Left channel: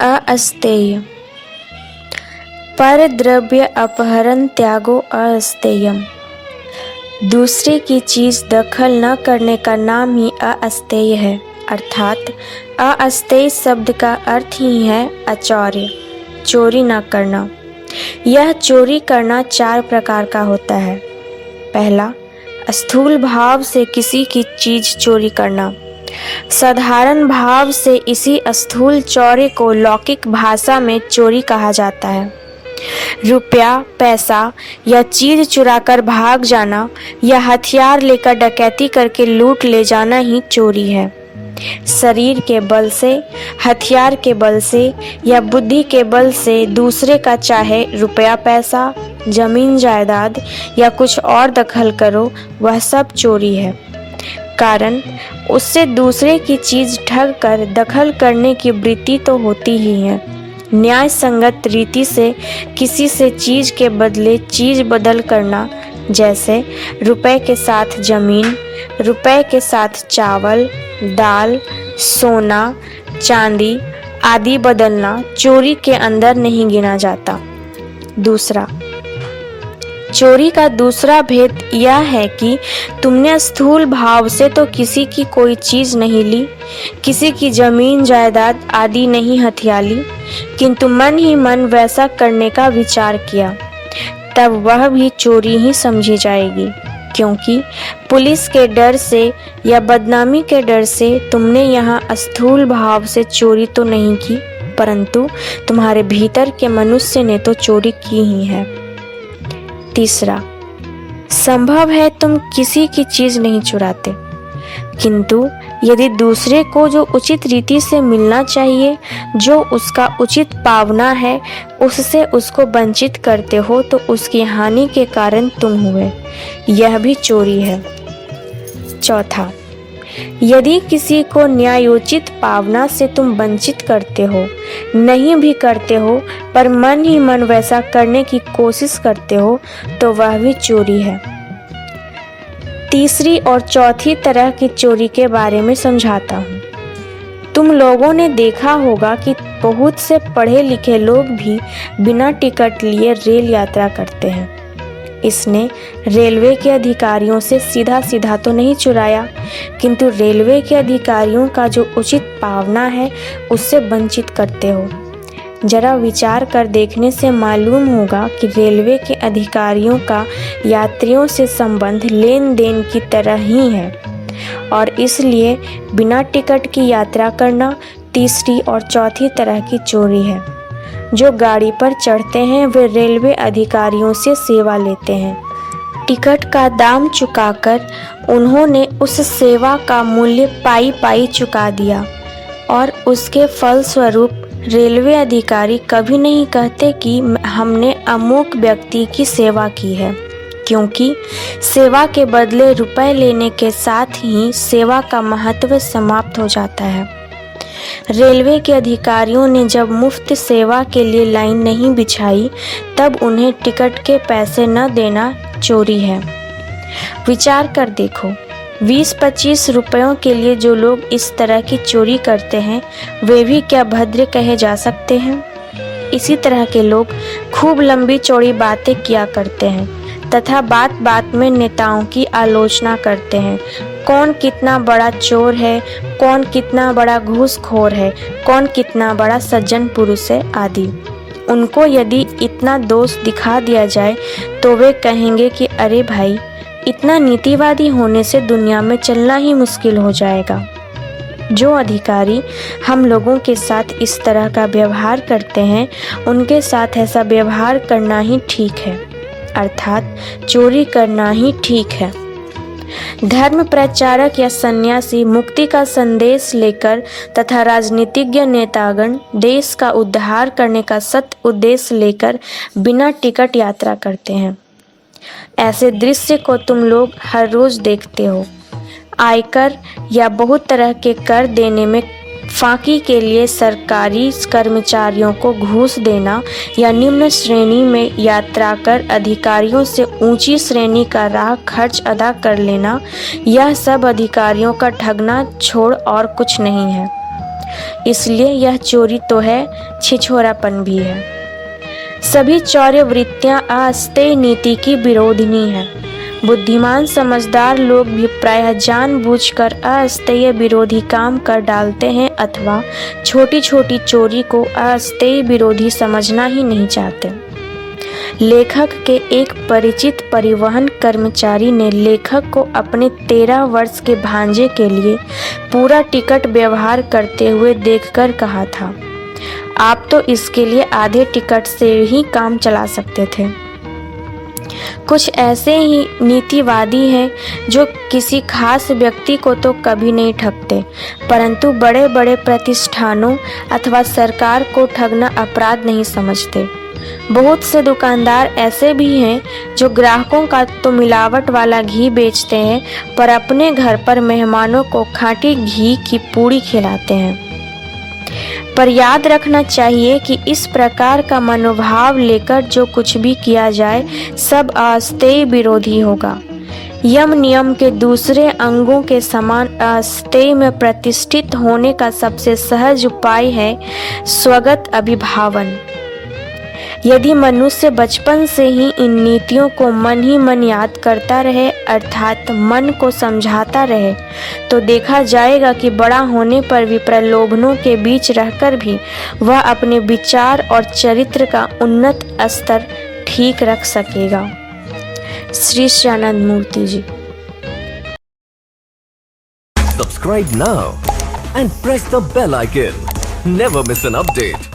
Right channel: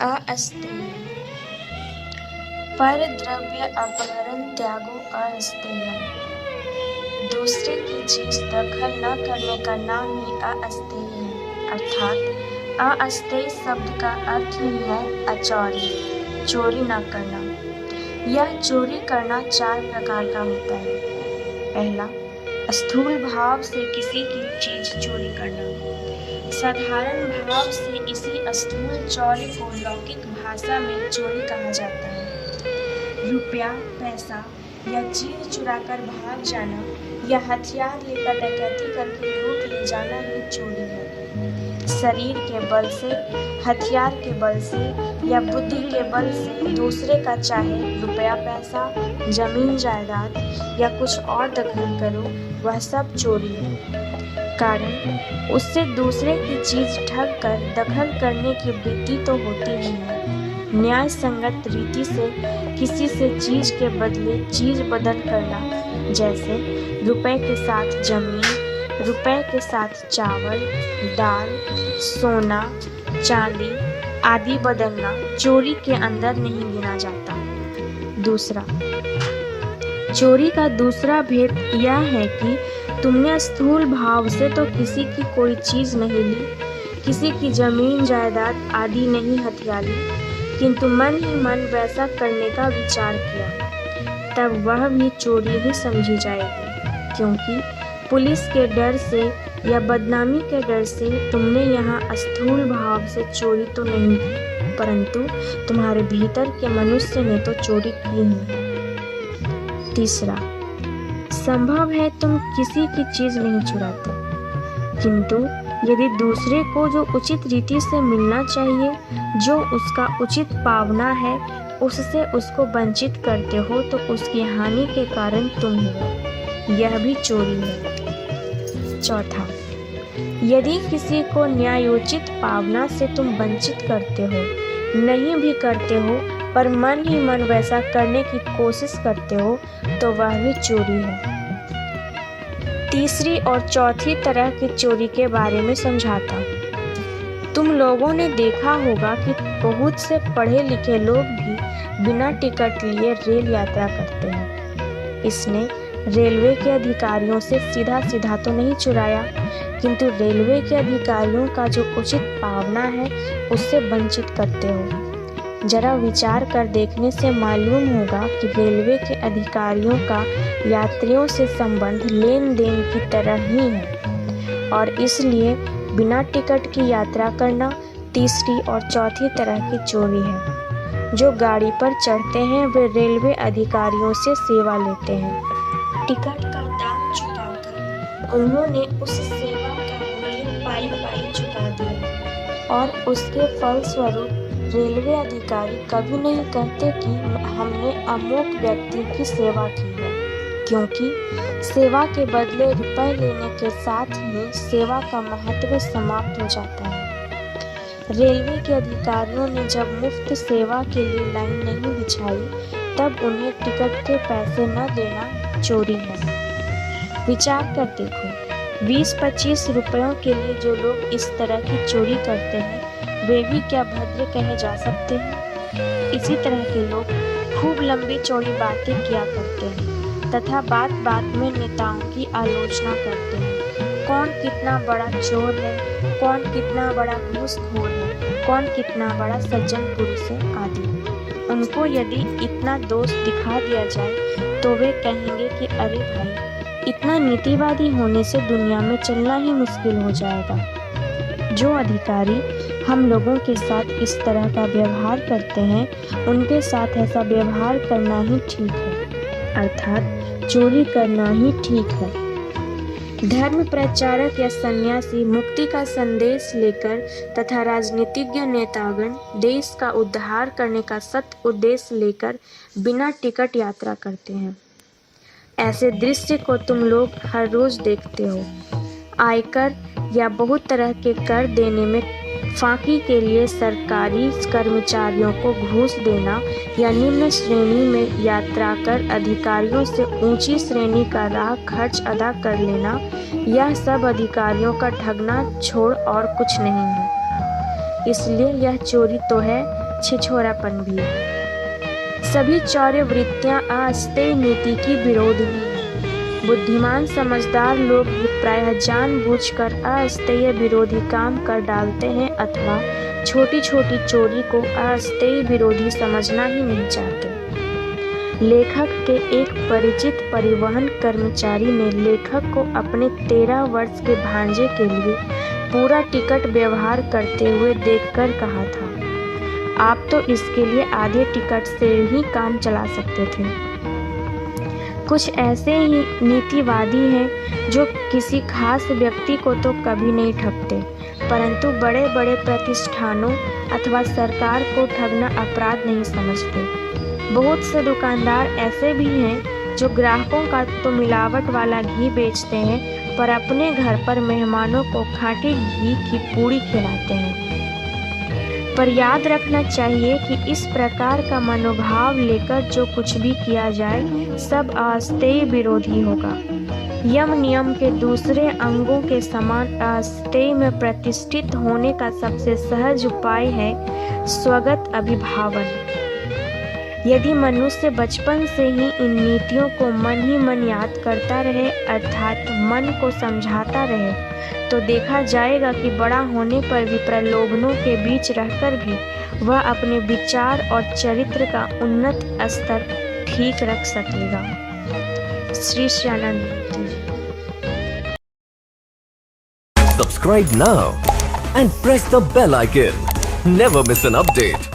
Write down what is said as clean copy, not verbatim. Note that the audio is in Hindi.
अस्थेय। पर द्रव्य अपहरण त्यागो अस्थेयम। दूसरे की चीज दखल न करने का नाम ही अस्थेय है। अर्थात अस्थेय शब्द का अर्थ ही है अचौर्य, चोरी न करना। यह चोरी करना 4 प्रकार का होता है। पहला, स्थूल भाव से किसी की चीज चोरी करना। साधारण भाव से इसी स्थूल चौर्य को लौकिक भाषा में चोरी कहा जाता है। रुपया, पैसा या चीज चुराकर भाग जाना या हथियार लेकर डकैती करके लूट ले जाना ही चोरी है। शरीर के बल से, हथियार के बल से या बुद्धि के बल से दूसरे का चाहे रुपया पैसा, जमीन जायदाद या कुछ और दखल करो, वह सब चोरी है। कारण उससे दूसरे की चीज ठग कर दखल करने की वृत्ति तो होती ही है। न्याय संगत रीति से किसी से चीज के बदले चीज बदल करना, जैसे रुपए के साथ जमीन, रुपए के साथ चावल, दाल, सोना, चांदी आदि बदलना चोरी के अंदर नहीं गिना जाता। दूसरा, चोरी का दूसरा भेद यह है कि तुमने स्थूल भाव से तो किसी की कोई चीज नहीं ली, किसी की जमीन जायदाद आदि नहीं हथिया ली, किंतु मन ही मन वैसा करने का विचार किया, तब वह भी चोरी ही समझी जाएगी। क्योंकि पुलिस के डर से या बदनामी के डर से तुमने यहाँ स्थूल भाव से चोरी तो नहीं की, परंतु तुम्हारे भीतर के मनुष्य ने तो चोरी की ही है। तीसरा, संभव है तुम किसी की चीज नहीं चुराते, किंतु यदि दूसरे को जो उचित रीति से मिलना चाहिए, जो उसका उचित पावना है, उससे उसको वंचित करते हो तो उसकी हानि के कारण तुम हुए, यह भी चोरी है। चौथा, यदि किसी को न्यायोचित पावना से तुम वंचित करते हो, नहीं भी करते हो, पर मन ही मन वैसा करने की कोशिश करते हो, तो वह भी चोरी है। तीसरी और चौथी तरह की चोरी के बारे में समझाता हूँ। तुम लोगों ने देखा होगा कि बहुत से पढ़े लिखे लोग भी बिना टिकट लिए रेल यात्रा करते हैं। इसने रेलवे के अधिकारियों से सीधा सीधा तो नहीं चुराया, किंतु रेलवे के अधिकारियों का जो उचित पावना है उससे वंचित करते हो। जरा विचार कर देखने से मालूम होगा कि रेलवे के अधिकारियों का यात्रियों से संबंध लेन देन की तरह ही है, और इसलिए बिना टिकट की यात्रा करना तीसरी और चौथी तरह की चोरी है। जो गाड़ी पर चढ़ते हैं वे रेलवे अधिकारियों से सेवा लेते हैं। टिकट का दाम चुकाकर उन्होंने उस सेवा का मूल्य पाई पाई चुका दिया, और उसके फलस्वरूप रेलवे अधिकारी कभी नहीं कहते कि हमने अमुक व्यक्ति की सेवा की है, क्योंकि सेवा के बदले रुपए लेने के साथ ही सेवा का महत्व समाप्त हो जाता है। रेलवे के अधिकारियों ने जब मुफ्त सेवा के लिए लाइन नहीं बिछाई, तब उन्हें टिकट के पैसे न देना चोरी है। विचार कर देखो, 20-25 रुपयों के लिए जो लोग इस तरह की चोरी करते हैं, वे भी क्या भद्र कहे जा सकते हैं? इसी तरह के लोग खूब लंबी चौड़ी बातें किया करते हैं तथा बात बात में नेताओं की आलोचना करते हैं। कौन कितना बड़ा चोर है, कौन कितना बड़ा घूसखोर है, कौन कितना बड़ा सज्जन पुरुष है आदि। उनको यदि इतना दोष दिखा दिया जाए तो वे कहेंगे कि अरे भाई, इतना नीतिवादी होने से दुनिया में चलना ही मुश्किल हो जाएगा। जो अधिकारी हम लोगों के साथ इस तरह का व्यवहार करते हैं, उनके साथ ऐसा व्यवहार करना ही ठीक है, अर्थात चोरी करना ही ठीक है। धर्म प्रचारक या सन्यासी मुक्ति का संदेश लेकर तथा राजनीतिज्ञ नेतागण देश का उद्धार करने का सत उद्देश्य लेकर बिना टिकट यात्रा करते हैं। ऐसे दृश्य को तुम लोग हर रोज देखते हो। आयकर या बहुत तरह के कर देने में फांकी के लिए सरकारी कर्मचारियों को घूस देना या निम्न श्रेणी में यात्रा कर अधिकारियों से ऊंची श्रेणी का राह खर्च अदा कर लेना, यह सब अधिकारियों का ठगना छोड़ और कुछ नहीं है। इसलिए यह चोरी तो है, छिछोरापन भी है। सभी चौर्य वृत्तियां अस्थेय नीति की विरोधिनी हैं। बुद्धिमान समझदार लोग भी प्रायः जानबूझकर अस्थेय विरोधी काम कर डालते हैं अथवा छोटी छोटी चोरी को अस्थेय विरोधी समझना ही नहीं चाहते। लेखक के एक परिचित परिवहन कर्मचारी ने लेखक को अपने 13 वर्ष के भांजे के लिए पूरा टिकट व्यवहार करते हुए देखकर कहा था, आप तो इसके लिए आधे टिकट से ही काम चला सकते थे। कुछ ऐसे ही नीतिवादी हैं जो किसी खास व्यक्ति को तो कभी नहीं ठगते, परंतु बड़े बड़े प्रतिष्ठानों अथवा सरकार को ठगना अपराध नहीं समझते। बहुत से दुकानदार ऐसे भी हैं जो ग्राहकों का तो मिलावट वाला घी बेचते हैं, पर अपने घर पर मेहमानों को खाँटी घी की पूड़ी खिलाते हैं। पर याद रखना चाहिए कि इस प्रकार का मनोभाव लेकर जो कुछ भी किया जाए सब अस्थेय विरोधी होगा। यम नियम के दूसरे अंगों के समान अस्थेय में प्रतिष्ठित होने का सबसे सहज उपाय है स्वगत अभिभावन। यदि मनुष्य बचपन से ही इन नीतियों को मन ही मन याद करता रहे, अर्थात मन को समझाता रहे, तो देखा जाएगा कि बड़ा होने पर भी प्रलोभनों के बीच रहकर भी वह अपने विचार और चरित्र का उन्नत स्तर ठीक रख सकेगा। श्री श्यानंद मूर्ति जी। Subscribe now and press the bell icon. Never miss an update.